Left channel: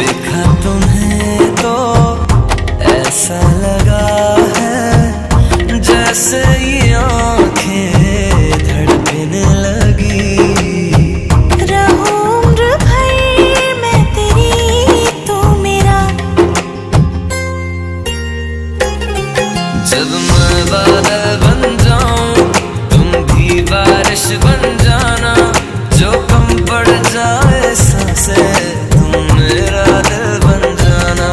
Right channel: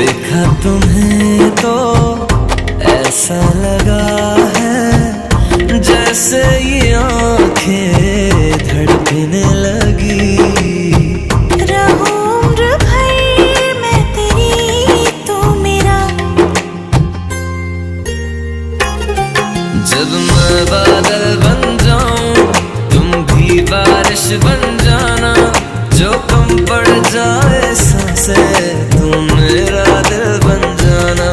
देखा तुम्हें तो ऐसा लगा है जैसे ये आंखें धड़कने लगी। रहूं उम्र भर मैं तेरी, तू मेरा। जब मैं बादल बन जाऊं तुम भी बारिश बन जाना, जो कम पड़ जाए सांसें तुम मेरा दिल बन जाना।